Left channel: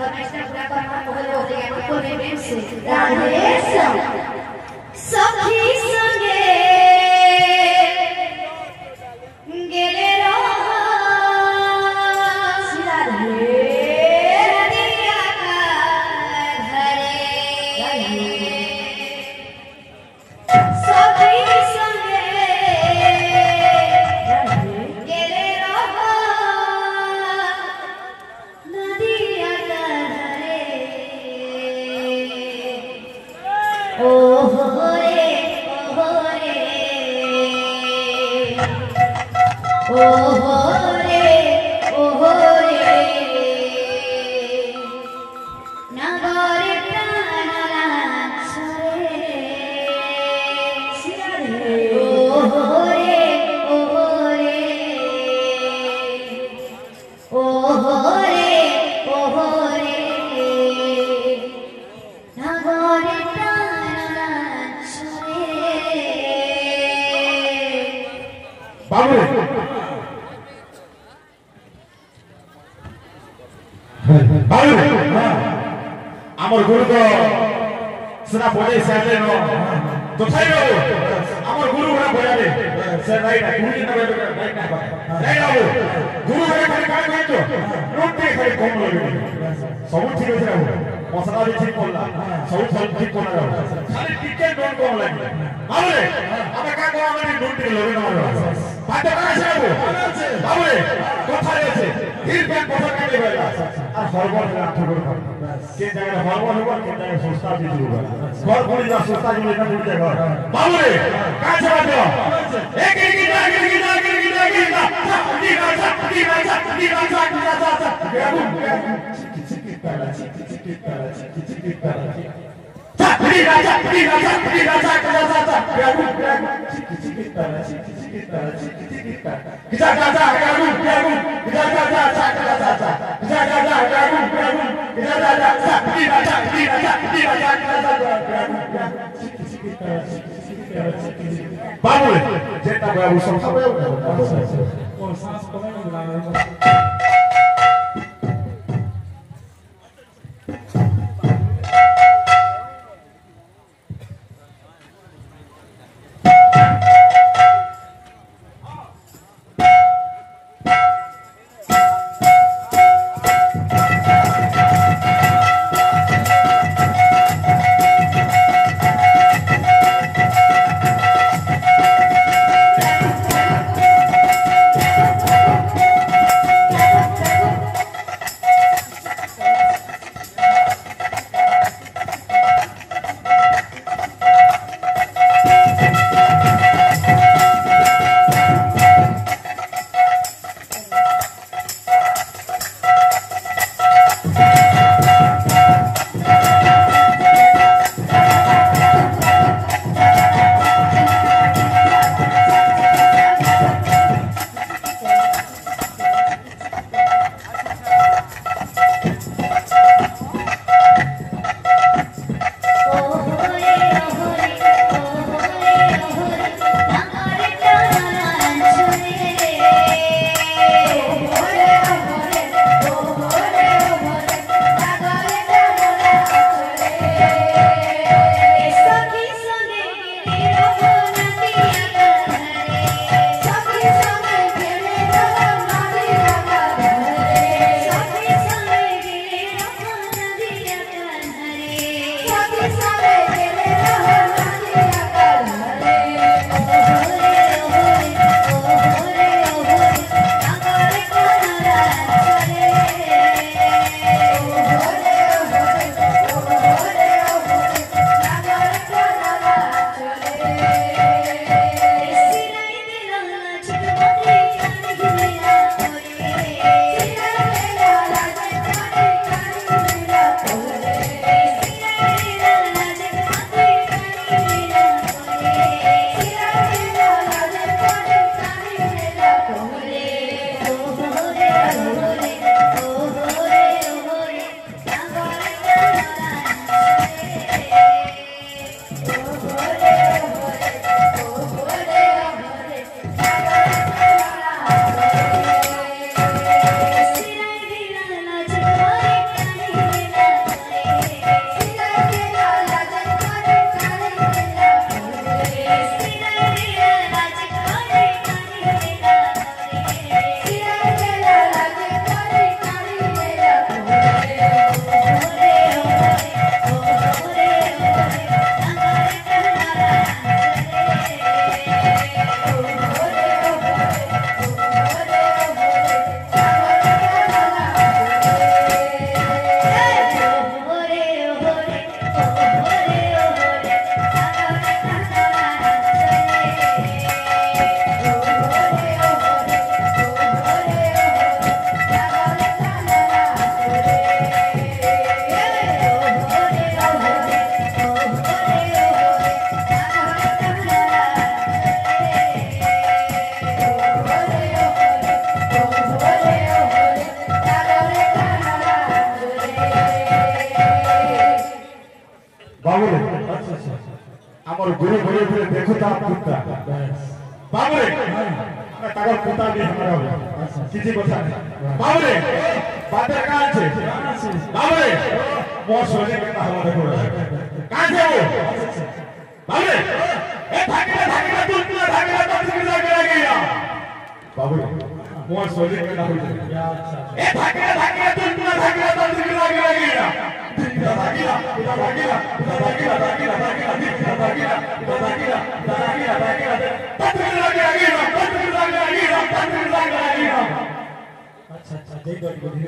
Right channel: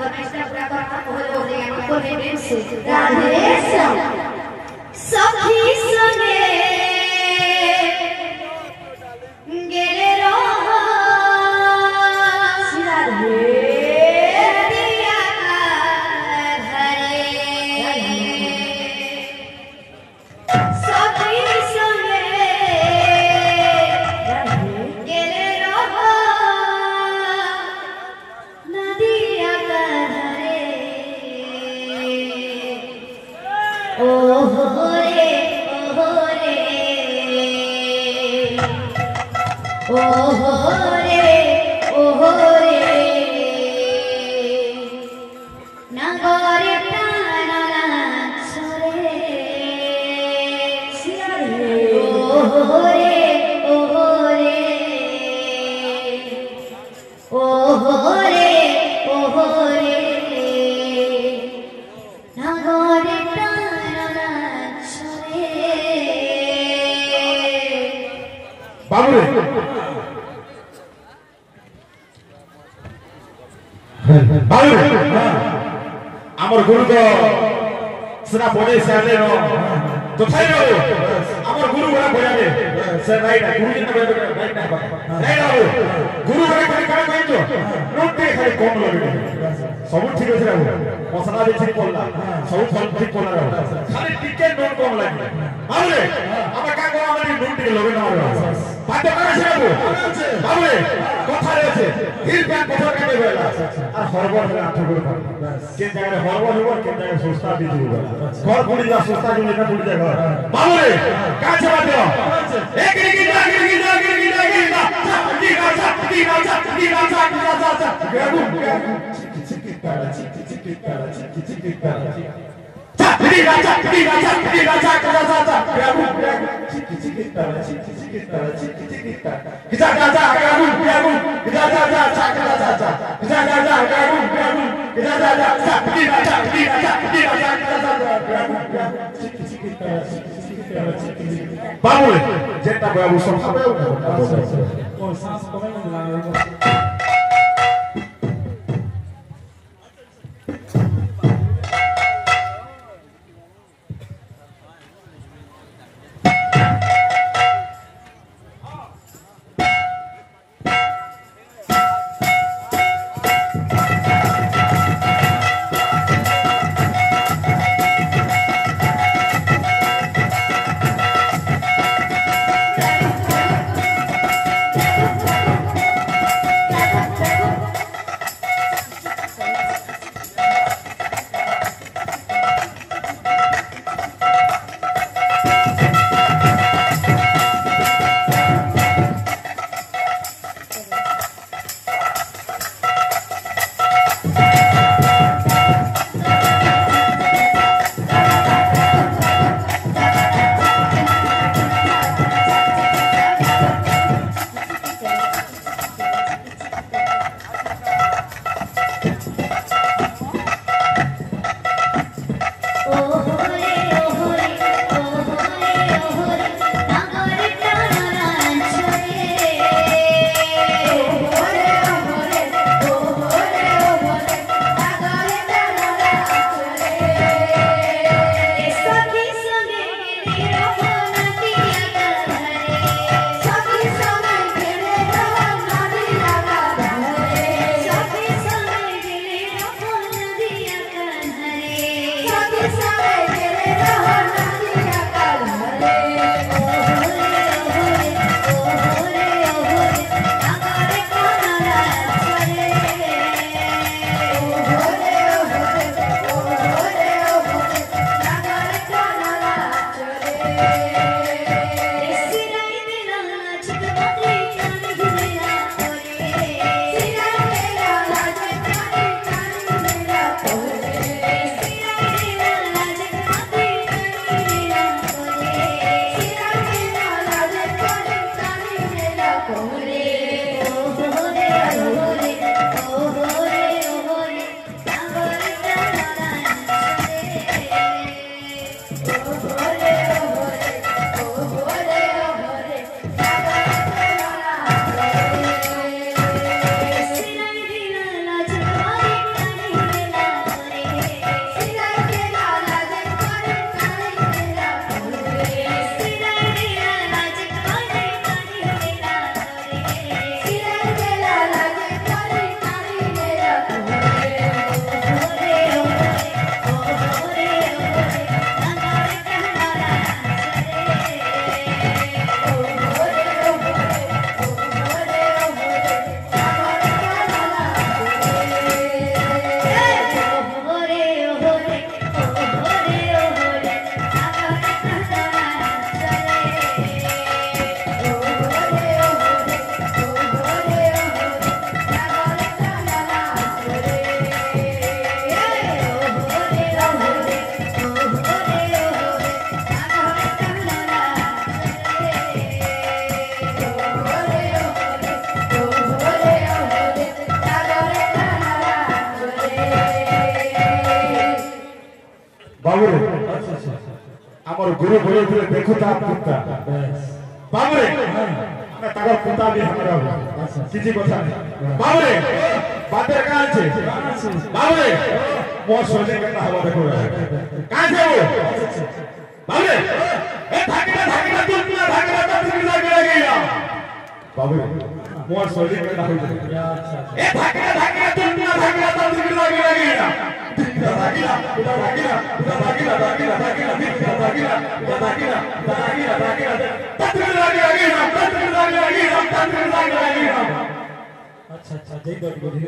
हमेशा प्रकार का मोह हो गया को प्रेम से राधे सखी संगे गेले रहो राधे दिया घरे सखी संगे गेले रहो नदिया घरे ओ रे नगरे प्राणला सरे नगरे प्राणला सरे बाबू बाबू আমার গুরু তো সেটা বড়ে সাথে ন তো থাই বাবু আমার গুরু বড় বড়াবে সে রাইট গুরু জি বড় রাইট না রাইট গুরু বড় করে কাজ কইছো নোটে খালি কম লাগবে সব ঠিক আছে বাবু মশলা भी ঠিক পড়লা সব ঠিক পড়লা খালি টিকে নোট কম লাগে বাবু আমরা কাজ করা মানে নোট টিকে লগে না বাবু বাতে করে আছে বাবু বাবু কোথায় আছে ধীর জ্ঞান কথা কেটে গেল আর সর্বর না ঠাকুর কে জায়গায় সর্বর হবো কে জায়গায় সুস্তা দিয়ে দিব ঘর পড়ি যা সুস্তা জমি না পড়ি যা ঘর বাবু রে কাছে বাতে এক এক বাবু যেটা বাবু সংসারে ও শ্বাস কমাই না बाबू আমার গুরু বলে বলে দেখো তা কুত্তা बाबू मैं तागर कुत्ता भी हमरा किसी কথা नहीं बाबू बातें कहां আছে बाबू मोर सोने के ना हवा देखो कहां से वो बाबू ए धागीला तू धागीला तब से लगे गया बाबू मोर सोने के ना ए धागीला तू धागीला तब से लगे गया धागीला अच्छा अच्छा धीरे धीरे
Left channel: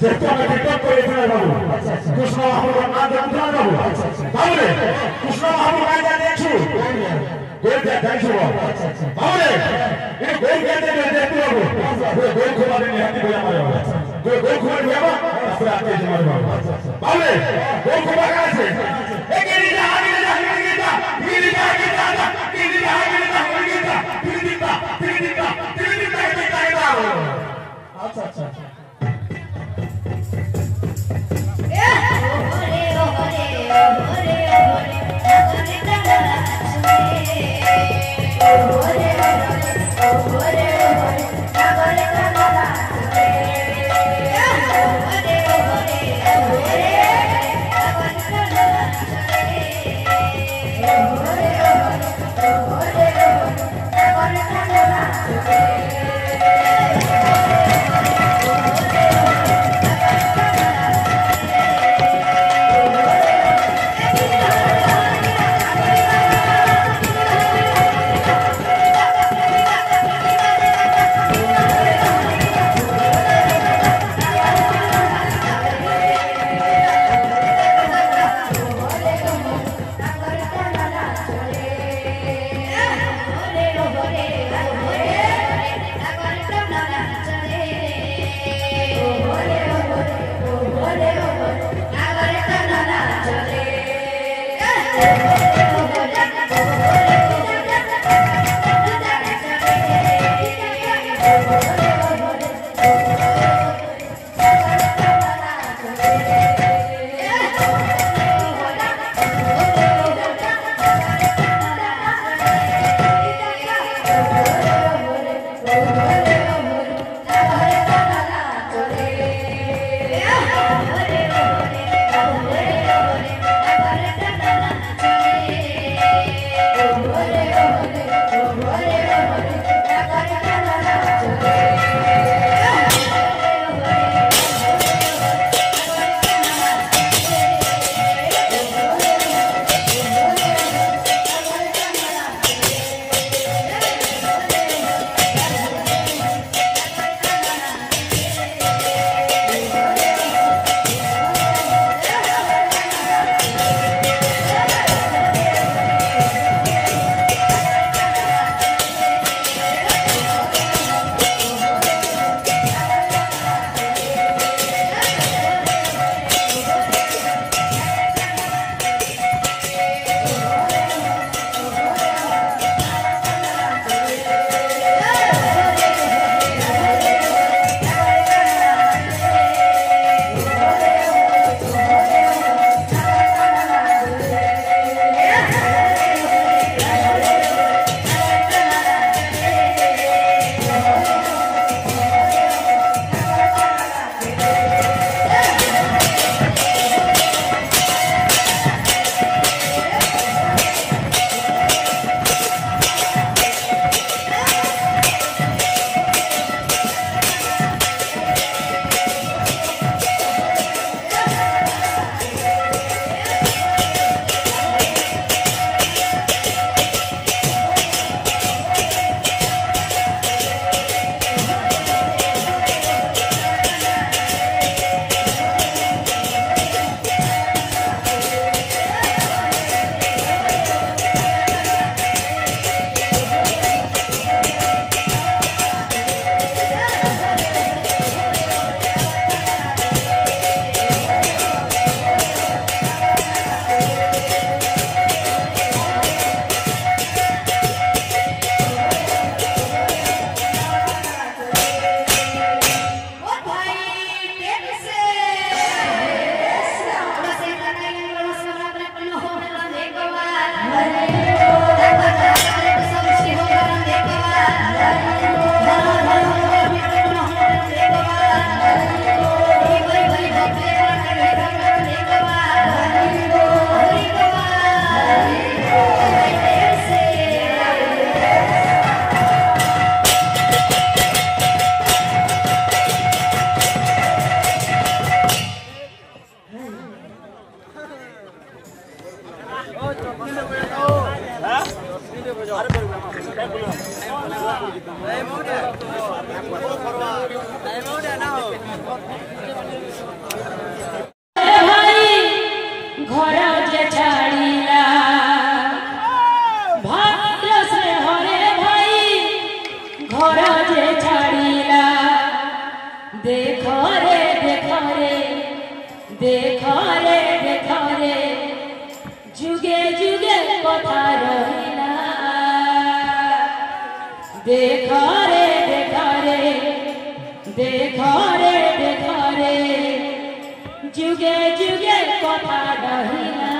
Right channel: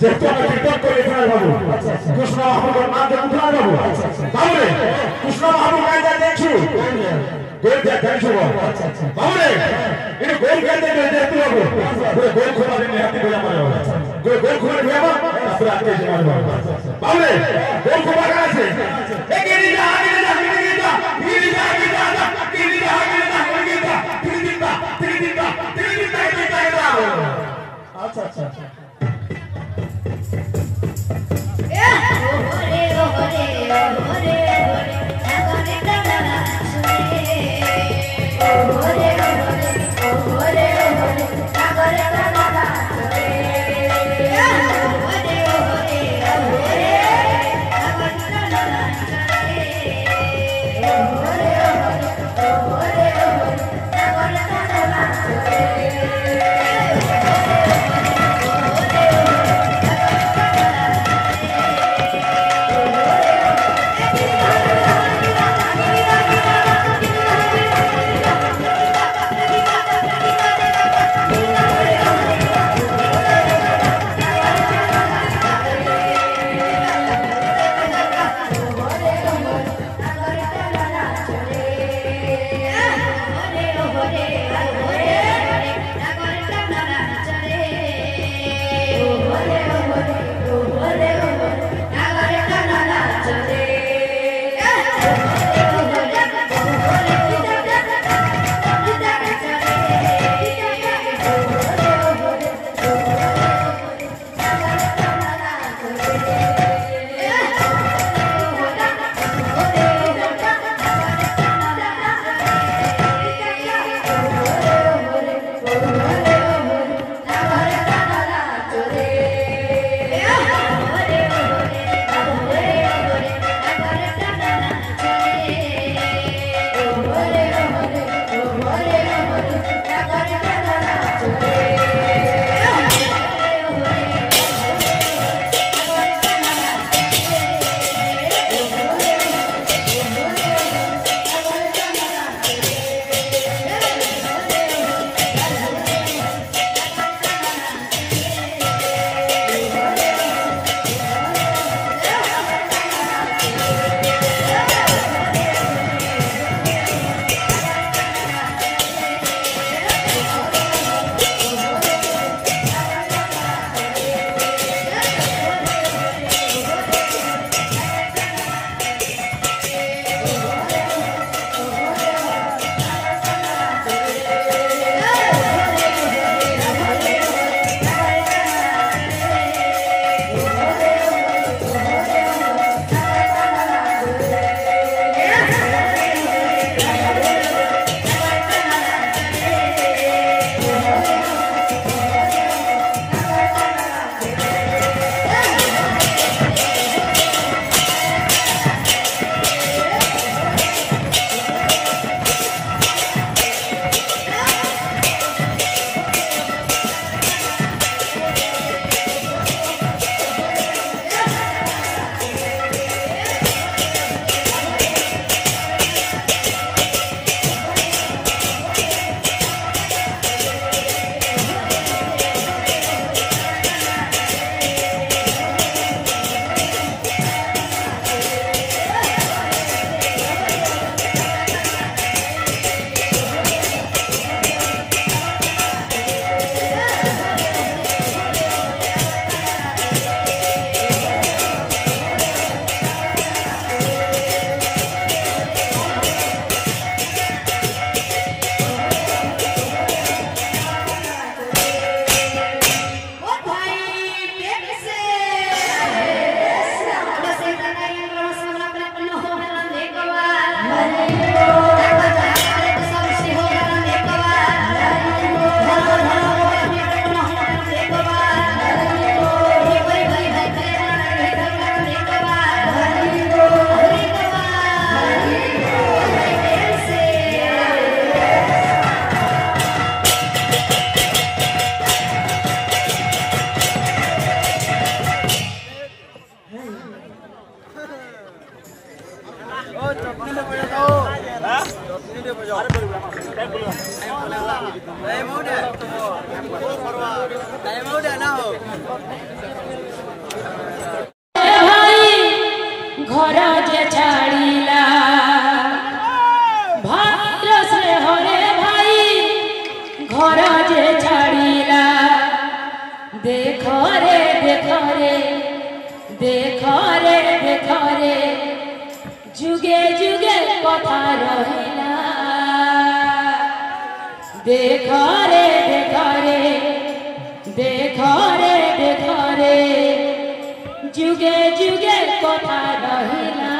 যেহেতু আমরা টিকটক করে ফেলে বাবু কৃষ্ণ মহাপ্রভুর নাম দিয়ে উঠা বাবু বাবু রে কৃষ্ণ মহাপ্রভু গাইতে দেখছো গোল দেখছো বাবু রে এই গোল গাইতে দেখতে বাবু গোল খোলা দিন হাতে গোল মারে গোল খোলা দিয়ে বাবু তারপরে আপনি যে মারবে বাবু রে গোল খোলা আছে এই গিরি যা আগে যা গিরি যা আগে যা গিরি যা আগে যা গিরি যা আচ্ছা আচ্ছা जुगे जुगे कथा रहिला देखो रे जुगे जुगे कथा रहिला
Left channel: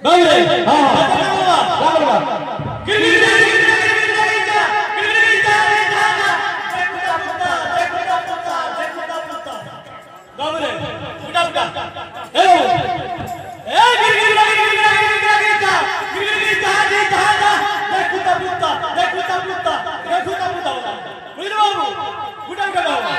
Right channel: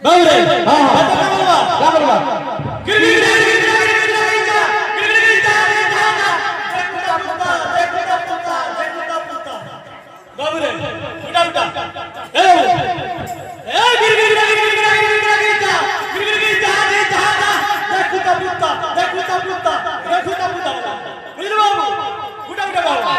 बाबरे हां बाबरा गिरगिटा बाबरे उठा उठा ए गिरगिटा देखुता पुत्ता बुझलो बाबू उठा उठा बाबू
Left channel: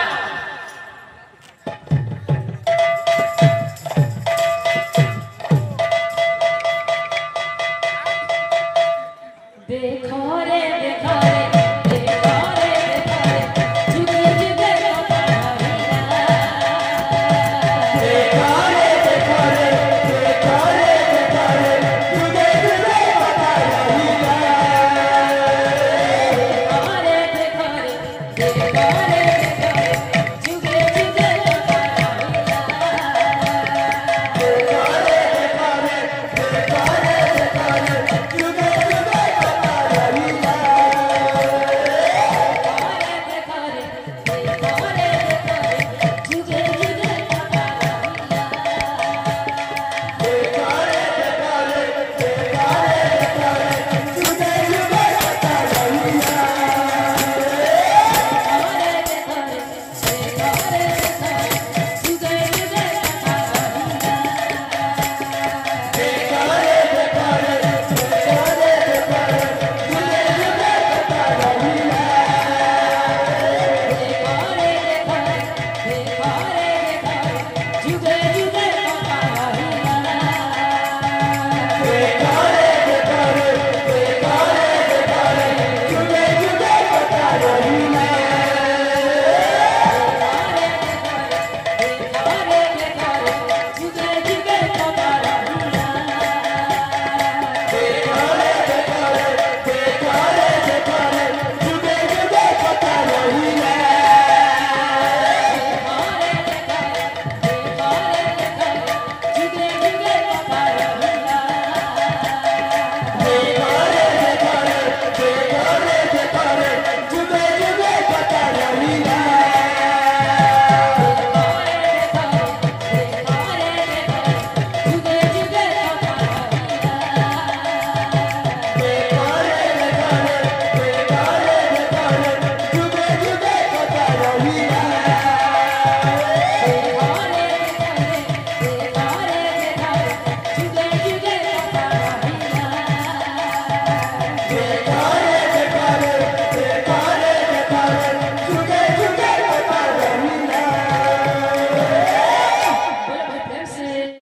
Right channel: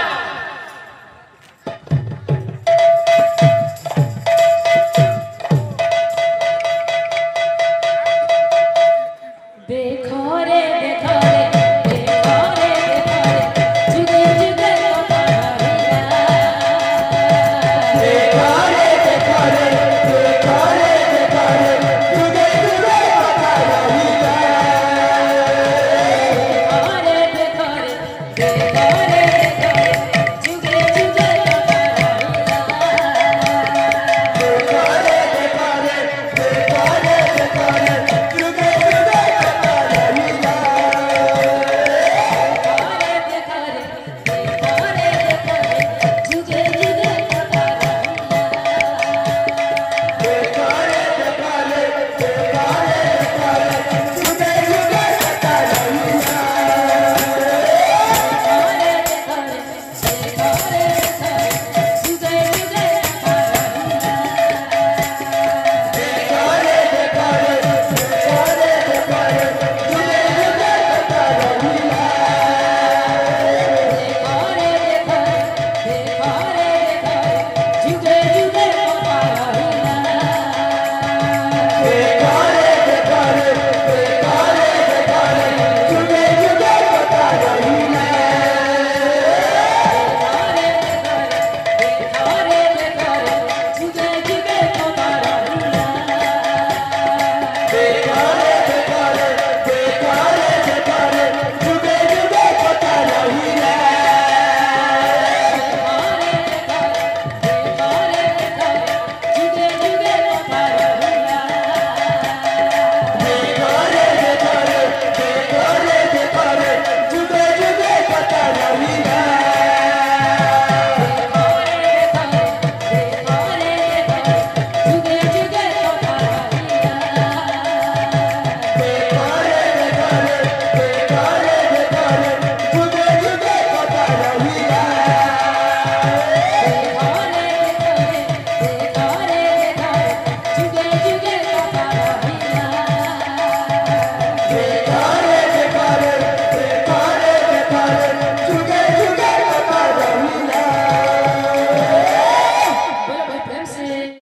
Thank you.